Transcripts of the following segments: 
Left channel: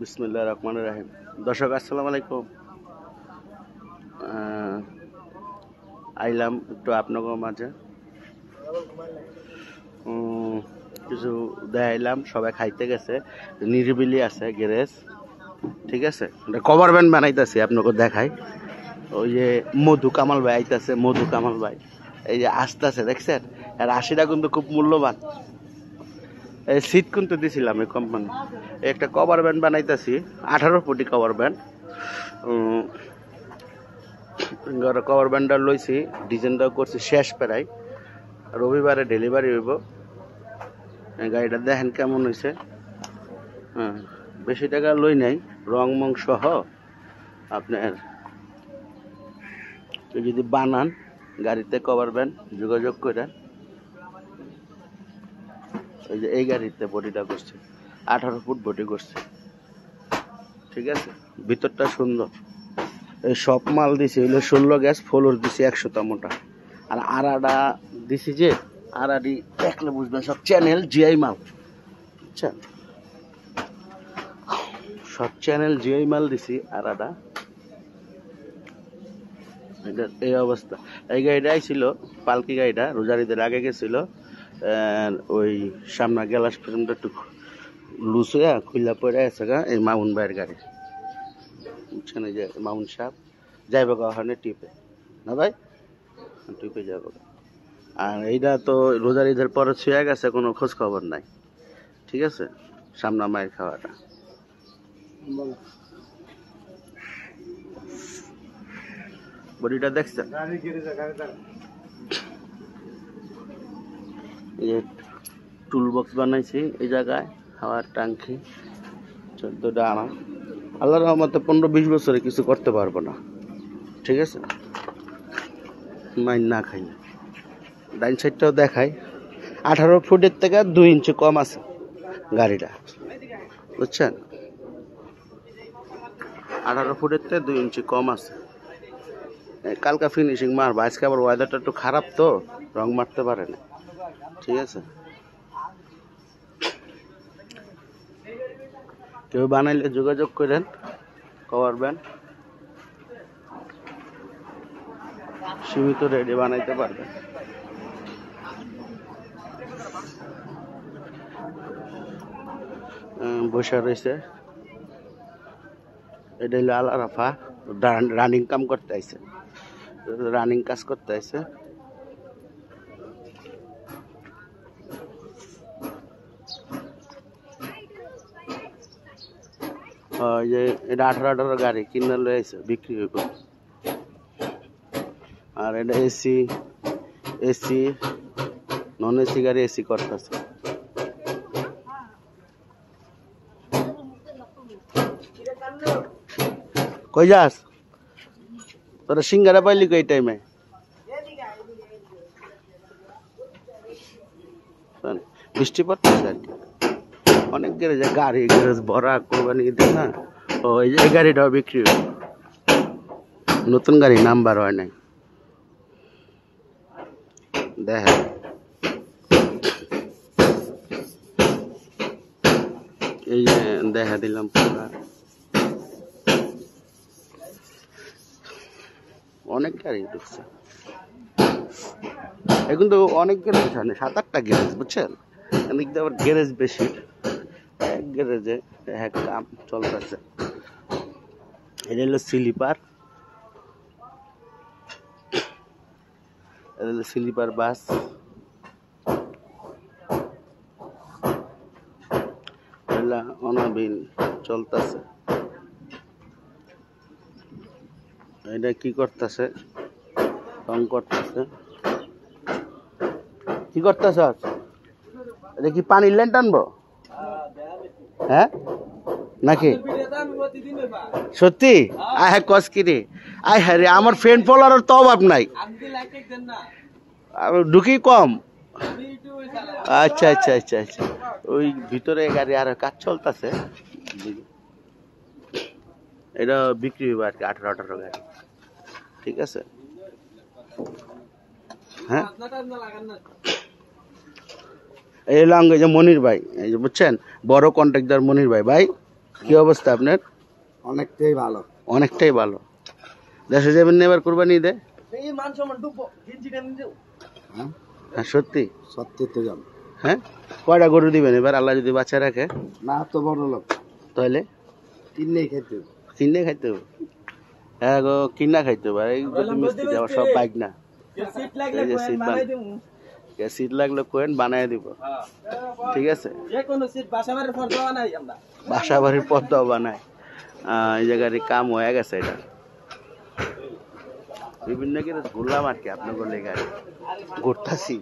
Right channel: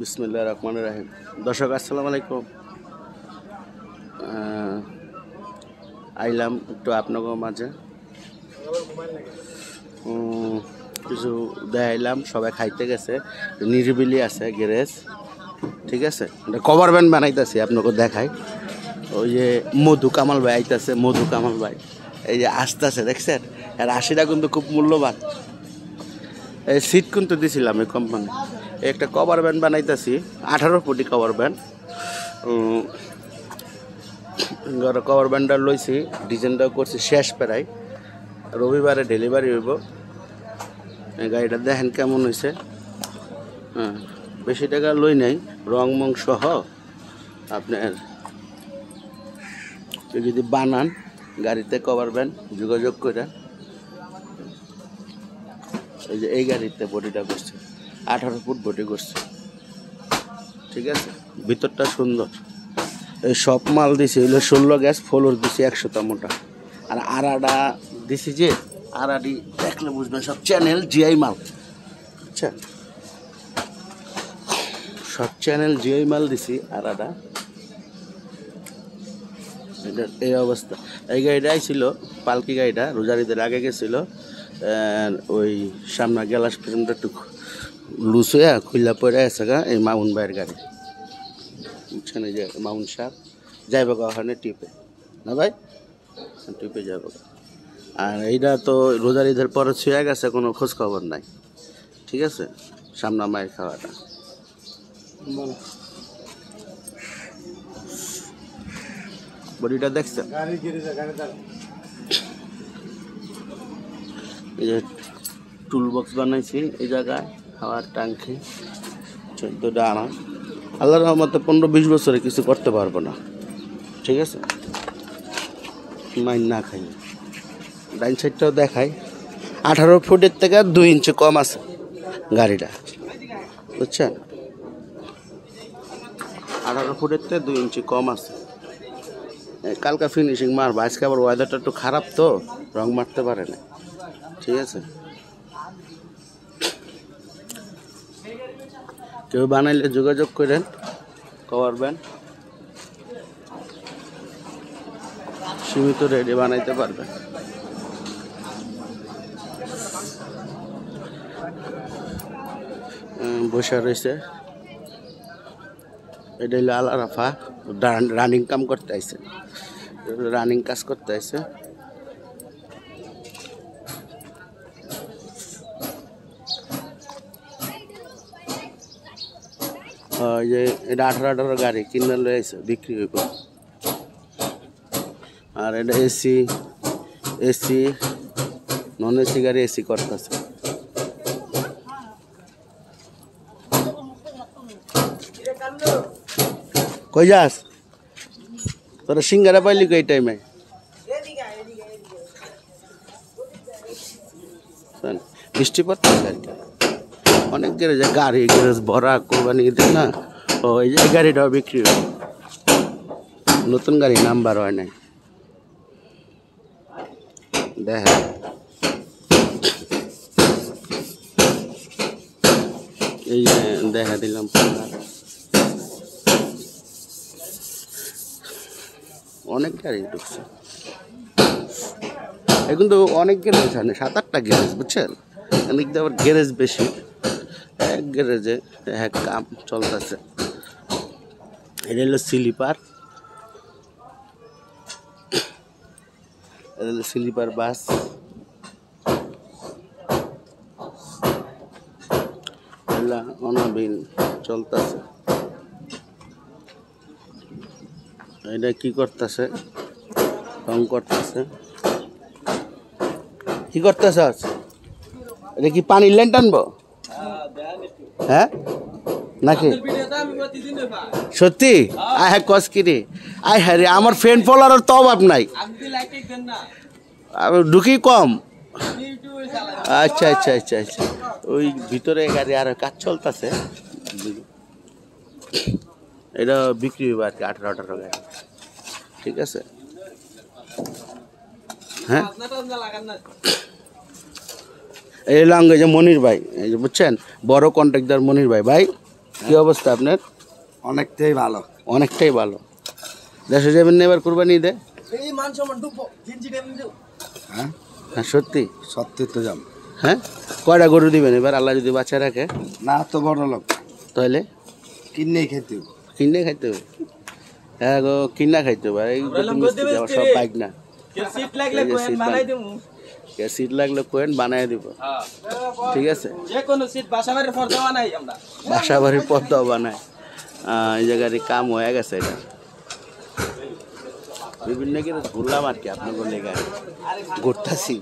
বিসমিল্লাহির রহমানির রহিম। দর্শক আসসালামু আলাইকুম। আইলাম একটু আপনাদের মাঝে কিছু দেখাইলাম। সবাই খাইতে গেছে, নিরিবিলি আছে গ্যারেজ, ঠিক আছে। কভার ব্যান্ড বানাইতেছি, আপনাকে দেখাই। ওই যে মধু কামাল ভাই আইতেছে, মধু কামাল ভাই এই যে আসতেছে, দেখছেন? আর আশিটা কিন্তু খুব মূল্যবান। এই সিট কিন্তু দিছিলাম এই কোম্পানি। একটা কভার ব্যান্ড বানাইতেছি, 18 ফুটি কভার ব্যান্ড। কভার ব্যান্ডটা লইছি, ডিজাইনটাও করছি শেষ প্রায়। রবিবারে ডেলিভারি হইব। গাড়িটা দেখেন কেমন হয়েছে। হ্যাঁ, বেশি টাকা লই নাই, রং মং সহ। আপনার যদি বানান গাড়িতে কভার ব্যান্ড যোগাযোগ করে। এই যে এই গাড়িতে বডিটা করছে, 18 ফুট বডি করছে, ঠিক আছে। ভিতরটা সুন্দর। এই সব মাল দিছি হলো 16 গ্যাস, ফ্লোর দিছি 100 মোটা। আর আড়াটা দিছি যে আড়াডি দেখলে বুঝবেন, সব চ্যানেল জিআই মাল, আচ্ছা। সব চ্যানেল জিআই মাল দিছি আড়াটা। এটা এই অবস্থা। এই গাড়িটাই ছিল পালকি গাড়িটা, রোজারিদের আগে গেছিল। ওই সামনে গ্লাস ফ্রেমটা একটু লুজ হইয়া খুললা পড়ে আছে গা, এই মামুন ভাইয়ের গাড়ি, বুঝছেন? এই যে মামুন সাহেব যাইব ওখানে টিপে, না ভাই? টিপে যাবো। আর এইটা তো রোজার ঈদের পরে ছুঁয়ে গেছে, কোনো খোঁজ খবর নাই, ঠিক আছে। সামনা মায়ের খাওয়াটা বডিটা দেখছেন? এই যে টুল বক্স বানাইছি এই জায়গায়, খাওয়ার ট্যাঙ্কি 14টা আনা। আল্লাহর রহমতে 15-20 বছরে কিছু করতে পারবো না, ঠিক আছে। মাইন না খাই। ডাইন সাইডটাও দেখাই, 18 ফুটের থেকে 2 ইঞ্চি কম আছে গাড়িটা, বুঝছেন? 18 ফুটের থেকে 2 ইঞ্চি কম আছে। কালকা ফিনিশিং মারবো, আজকে আবার ওয়েদারটা একটু খারাপ তো, রং মারতে পারে না, ঠিক আছে। কেউ বানাইলে যোগাযোগ করেন, কভার ব্যান্ড সীমিত রেডি বানাইতে পারবেন। বসে রয়েছে, এটা হলো আল আরাফা, রানিং কাম করতে আইছে, রানিং কাজ করতে আইছে। ওই যে এটা 18 গাড়ি কিনে লয়েছে, বিক্রি হইব। আর এটা এসি, নন এসি গাড়ি এসি করতেছে। কই যাস তোরা? সিঙ্গারা পাইলি এই টাইমে? বৃষ্টি পড়তেছে আর কি, অনেক গ্যারেজে গাড়ি গ্যারেজ ভরা কোরবানি ঈদের না। ওই যে গাড়িটাও বিক্রি হইব, নতুন গাড়ি, নাম্বার হয় নাই। দেখা এই যে দেখা দিলাম, অনেক গাড়ি ঢুকছে। এখন তো অনেক গ্যারেজ হয় না, 7-8টা গ্যারেজ, বুঝছেন? এদিক দিয়ে আবার গ্যারেজ বেশি, এক গ্যারেজে এক কাম চলতেছে। এটা হলো স্লিপার, এটা হলো স্লিপার বাস। এগুলা অনবীন চলতেছে। এটা কি করতেছে? রং করতেছে। কি করতেছ? এটা কি পানির লাইন টানবো? হ্যাঁ নাকি সত্যি? আয় হ্যাঁ, কস কি রে? আয় হ্যাঁ রে, আমার ফ্রেন্ড ফলোয়ারের তো অভাব নাই, ঢুকি কম। আচ্ছা আচ্ছা আচ্ছা আচ্ছা, ওই ভিতরে গাড়ি আর কাজ চলতেছে। এটা বিক্রি হবে আর কি, 18 গাড়ি, ঠিক আছে। হ্যাঁ এই লং এই যে মনির ভাই, এই যে বুঝছেন বড় কন্ট্রাক্টর মনির ভাই। ভাই কি অবস্থা আপনার? অনেকটাই ভালো। অনেকটাই ভালো। দেশে যাবেন না এবার কোরবানি ঈদে? হ্যাঁ হ্যাঁ সত্যি সত্যি তো যাম। হ্যাঁ কয়টা গরু দিবেন এবার আল্লাহ যদি বাচ্চা রাখে? না তো বড় লোক, তাহলে কিনেই খেতে হবে। কিনে খাইতে হবে। হ্যাঁ গো কিনা খাইতে হবে। এই সব বাইক না, সিট লাগলে কোয়েন বানাই দিব। ঠিক আছে, বাসা বাড়ির পথ বানায়। এই জায়গায় কাম হয়ে গেছে, এটা বিভিন্ন কিছু ঘুরলাম আর কি আপনার বলে গাড়ি ঘুরতেছি।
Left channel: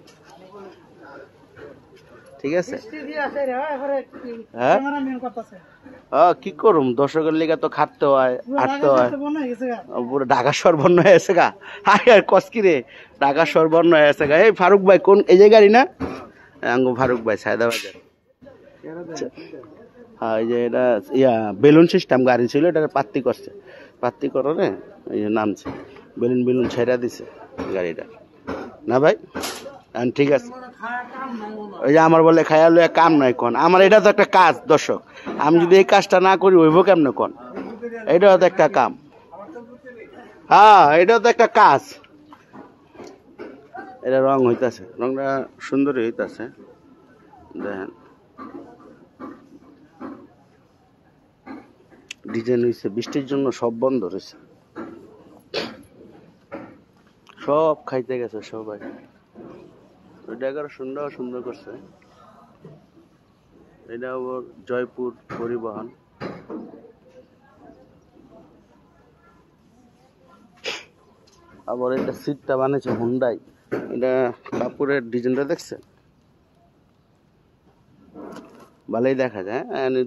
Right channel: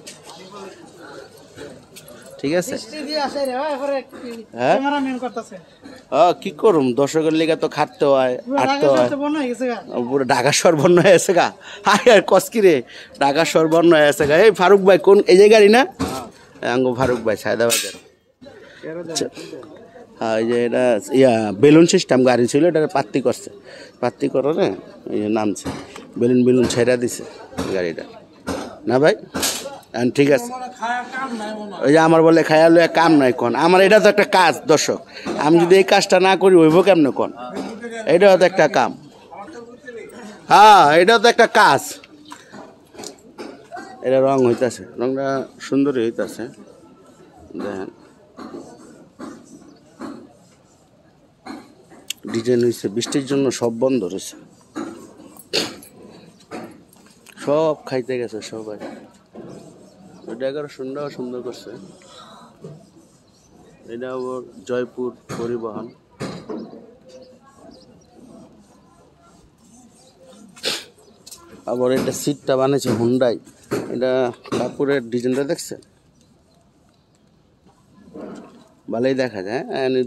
ঠিক আছে, হ্যাঁ কি করুম, দর্শকের লেগে তো খাটতে হয়, হাঁটতে হয়। পুরো ঢাকা সর্বর্ণ হয়ে আছে গা। আর কসকি রে, ঢাকা সর্বর্ণ হয়ে আছে গা। এই ফারুক ভাই কোন এই যে গাড়ি না? আঙ্গু ফারুক ভাই সায়দাবাজার। হ্যাঁ এই যে এটা বেলুন সিস্টেম গাড়ি ছিল, এটা পাত্তি করছে, পাত্তি করে এই যে নামছে, বেলুন বেলুন ছেড়া দিছে গাড়িটা না ভাই। ঠিক আছে, ওই যে আমার বলে খায়ালে কাম নাই কোন, আমার এটা তো একটা কাজ দর্শক, আমি যদি এই কাজটা না করি হইব কেমনে কোন? এটাও তো একটা কাম, হ্যাঁ এটাও তো একটা কাজ। এটা রং হইতেছে, রংটা সুন্দরই হইতেছে দেখেন, ডিজাইন হয়েছে। বৃষ্টির জন্য সব বন্ধ রয়েছে, সব খাইতে গেছে সবাই। সুন্দর সুন্দর করছে। এটা আবার জয়পুর পরিবহন। আবার এটা সিটটা বানিয়েছে হুন্ডাই। এটা কাপড়ের ডিজাইনটা দেখছে, ভালোই দেখা যায়।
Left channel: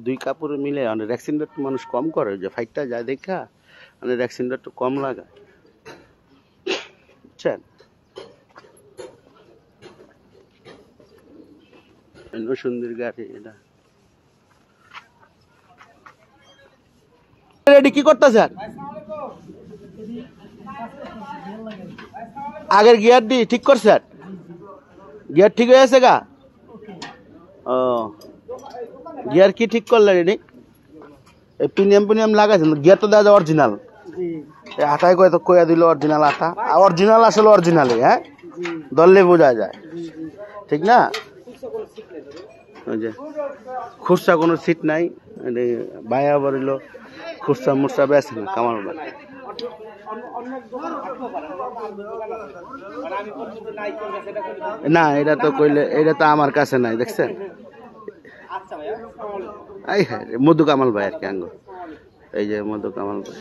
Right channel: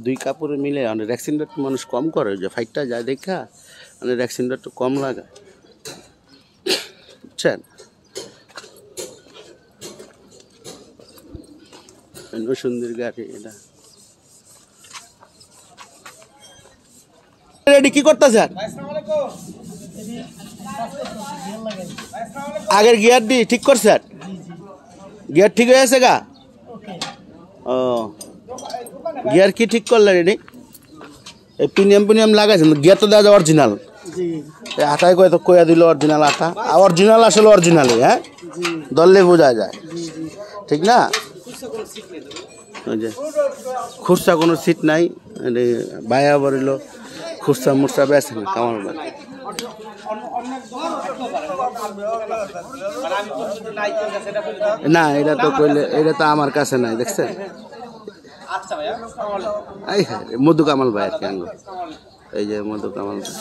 দুই কাপড়ে মিলে রেক্সিনটা একটু মানুষ কম করে, যে ফাইটটা যায় দেখা রেক্সিনটা একটু কম লাগায়, বুঝছেন? সুন্দর গাড়ি এটা। রেডি কি করতেছেন? আগের গিয়ার দি ঠিক করছেন? গিয়ার ঠিক হয়ে আছে গা? ও গিয়ার কি ঠিক করলেন? এটি প্রিমিয়াম প্রিমিয়াম লাগাইছেন, গিয়ার তো দেওয়া অরিজিনাল। আটায় কয়ে তো কয়ে দিল অরিজিনাল আটা, অরিজিনাল আসলে অরিজিনালই। হ্যাঁ দললে বোঝা যায়, ঠিক না? খুচরা কোনো সিট নাই, বায়া বলিল খুচরা মুচরা বেছে না কামাল ভাই। না এটা তো কইলে, এটা তো আমার কাছে নাই, দেখছেন? মধু কামাল ভাই আর কি আঙ্গ, এই যে মধু কামাল ভাই।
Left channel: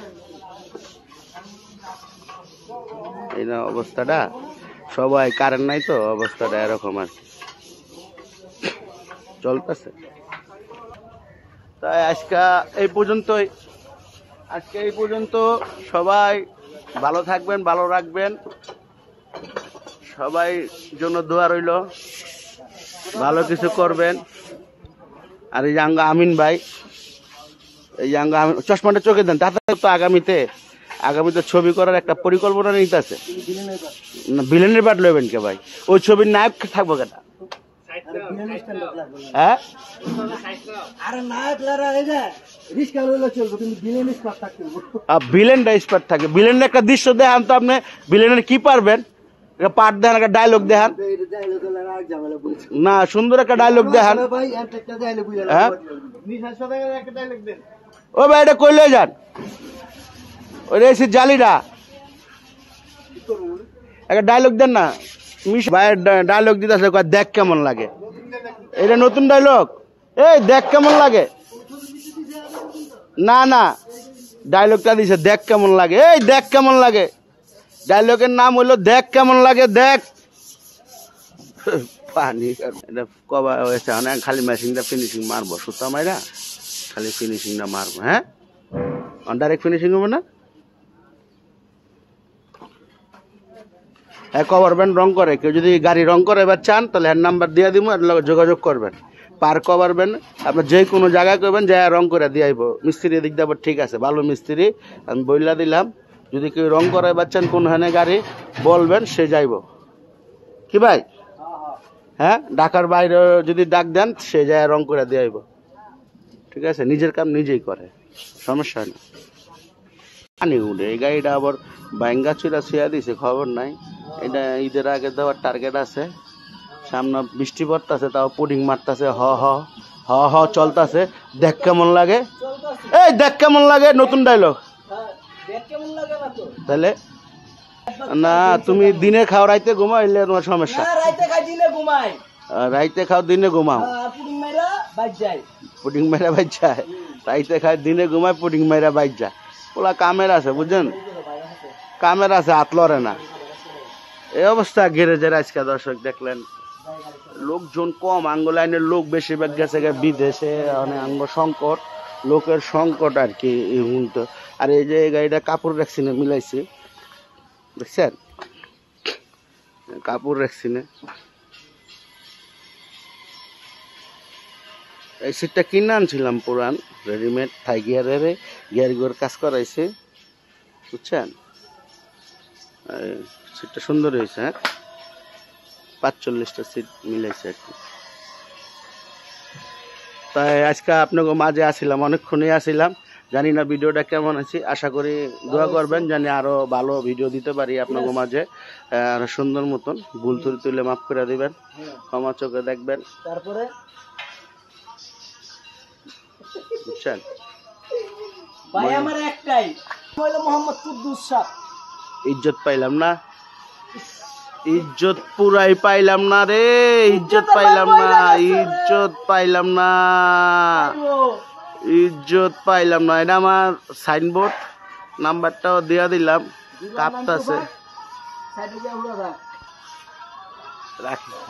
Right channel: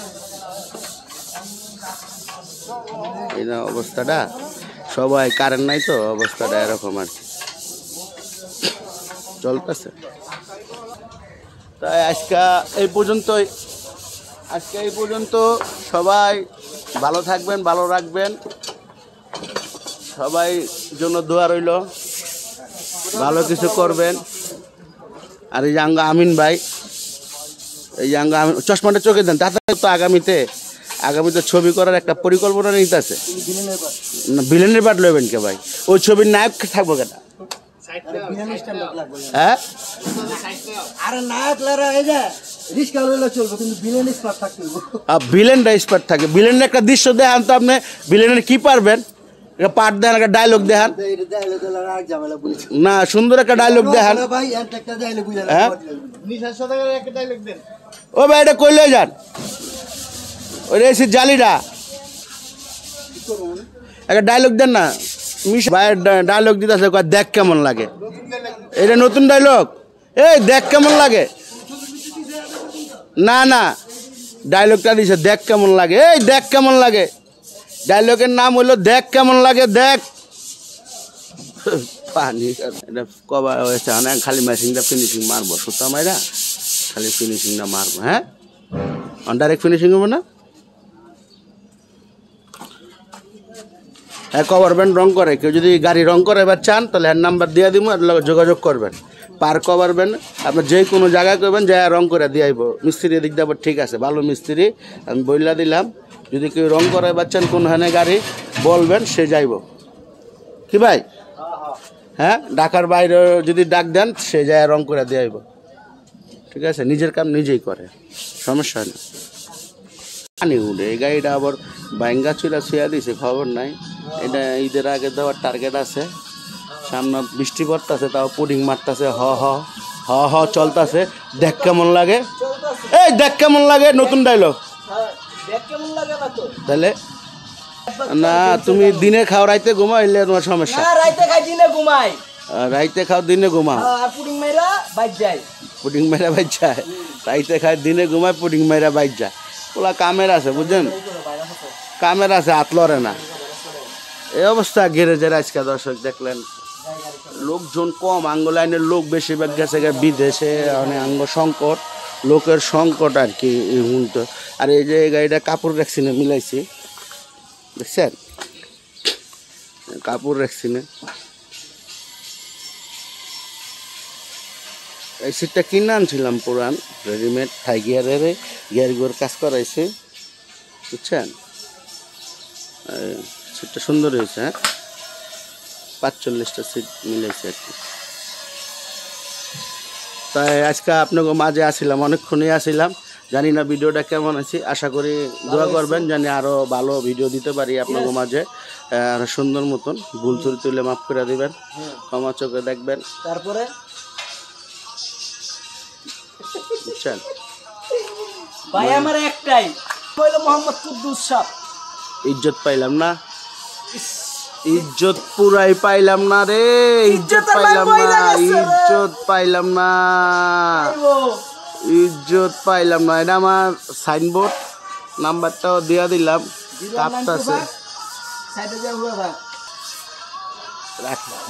এই না অবস্থাটা, সবাই কারেন্ট নাই তো অবস্থাটা এরকম আর কি চলতেছে। তাই আজকে এই পর্যন্তই, আজকে এই পর্যন্ত। সবাই ভালো থাকবেন, ভালো রাখবেন, সবাই জন্য দোয়া রইল, ভালো কিছু করবেন। আর এই যে আঙ্গা আমিন ভাই, এই যে আঙ্গা চশমাটা চোখে দেন, তাতে তো আগামীতে ছবি করার একটা পরিকল্পনা নিতে আছে। ভিলেনের পাঠ লইবেন কে ভাই? ওই ছবির নায়ক থাকবো কেনা? হ্যাঁ ভিলেনটা স্পার্ট থাকে, ভিলেনের একটা দৃশ্য দেখান তো আপনি, ভিলেনের কি পারবেন? পাঠ দেখান, একটা ডায়লগ দেখান না, সুন্দর একটা ডায়লগ দেখান। ও ভাই এটা কইলে যান, ওই রেসির জালিটা একটা ডায়লগ দেন না। ভাইয়ের ডায়লগ দিতে আসে, দেখ কেমন লাগে, এটা নতুন ডায়লগ। এই দেখ কেমন লাগে, না না ডায়লগটা দিছে দেখ কেমন লাগে। এই দেখ কেমন লাগে, ডায়লগের নাম হলো দেখ কেমন লাগে। দেখ পানি এটা কবা হয়েছে, অনেক খালি মেশিনটা ফিনিশিং মারবো, সুতা মাইরা খালি ফিনিশিংটা মারবো। হ্যাঁ ডাইরেক্ট ফিনিশিং হবে না। হ্যাঁ কভার ব্যান্ড রং করে, কেউ যদি গাড়ি রং করে এবার চান তাহলে হ্যান্ড নাম্বার দিয়ে দিব, যোগাযোগ করবেন। পার কভার ব্যান্ড আপনার যে কোনো জায়গায় করবেন, যা রং করে দিয়ে আইব। মিস্ত্রি দিক দেবো, ঠিক আছে ভালো মিস্ত্রি, আমি বইলা দিলাম। যদি কেউ রং করে চান কোন হানে গাড়ি বলবেন, সে যাইব। কি ভাই হ্যাঁ ঢাকার বাইরে যদি ডাক দেন সে যায় রং করে দিয়ে আইব, ঠিক আছে, নিজের কাম নিজেই করে, সমস্যা নেই। পানি উঠে এই গাড়িটা আবার বাইঙ্গা চুরা ছুঁয়া দিছে, খবর নাই। এটা ঈদের আগে দেওয়ার টার্গেট আছে, সামনে বৃষ্টি পড়তেছে, তাও পুডিং মারতেছে, হ হ হ হ চলতেছে। দেখ কেমন লাগে, এই দেখ কেমন লাগে, নতুন ডায়লগ। তাহলে না তুমি দিনে খাও রাইতে ঘুমাও, এলে তোমার সমস্যা। রাইতে খাই দিনে ঘুমাই, রাইতে খাও দিনে ঘুমাও, আর পুডিং মেরা বাইর যায়। পুডিং মেরা বাইর যায়, রাইতে খায় দিনে ঘুমায়, পুডিং মেরা বাইর যায়। ওরা কামের আছে বুঝছেন, কামের আছে, হাত লড়ে না। এই অবস্থা গ্যারেজের আজকে দর্শক দেখলেন, লোকজন কম, আঙ্গ লাইনের লোক বেশিরভাগ গেছে বিদেশে, অনেক আঙ্গ সংকট, লোকের সংকট আর কি এই মুহূর্তে। আর এই যে গাড়িটা কাপড় ভ্যাকসিনে মিলাইছি, দেখছেন কাপড় ভ্যাকসিনে। এই সিটটা কিনে আনছিলাম পুরান, রেডিমেড থাই গিয়ারের, গিয়ারগুলোর কাজ করাইছে, বুঝছেন। সিটটা সুন্দর হয়েছে, হ্যাঁ 45টা সিট মিলেছে আর কি। তাই আজকে আপনাকে মাঝে আসছিলাম, অনেকক্ষণই আসছিলাম, জানি না ভিডিওটা কেমন আছে, আশা করি দোয়া করবেন জানি আরো ভালো ভিডিও দিতে পারি আপনাকে মাঝে, আর সুন্দর মতন। ভুল ত্রুটি তুলে মাফ করে দিবেন, ক্ষমা চোখে দেখবেন, তারপরে বুঝছেন। ভাই আমার একটাই হলো মোহাম্মদ কুদ্দুস সাহেব। ইজ্জত পাইলাম না, ইজ্জত পুরাই পাইলাম না রে, ইজ্জত পাইলাম না, ইজ্জত পাইলাম না, ইজ্জত পাইলাম না। এটা আমার সাইনবোর্ড, নাম্বারটাও দেয়া দিলাম, কাঁপতাছে।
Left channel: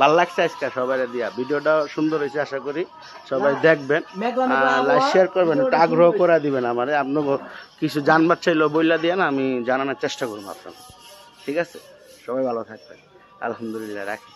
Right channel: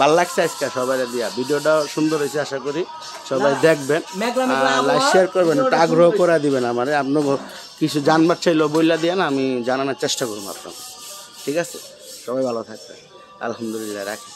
ভালো লাগছে আজকে সবাই দিয়া, ভিডিওটা সুন্দর হয়েছে, আশা করি সবাই দেখবেন, শেয়ার করবেন, একটু আগ্রহ করে দিবেন আমারে। আপনাকে কিছু জানবার চাইলেও বইলা দিয়ে না, আমি জানানোর চেষ্টা করবো আপনাকে, ঠিক আছে। সবাই ভালো থাকবেন, আলহামদুলিল্লাহ, রাখি।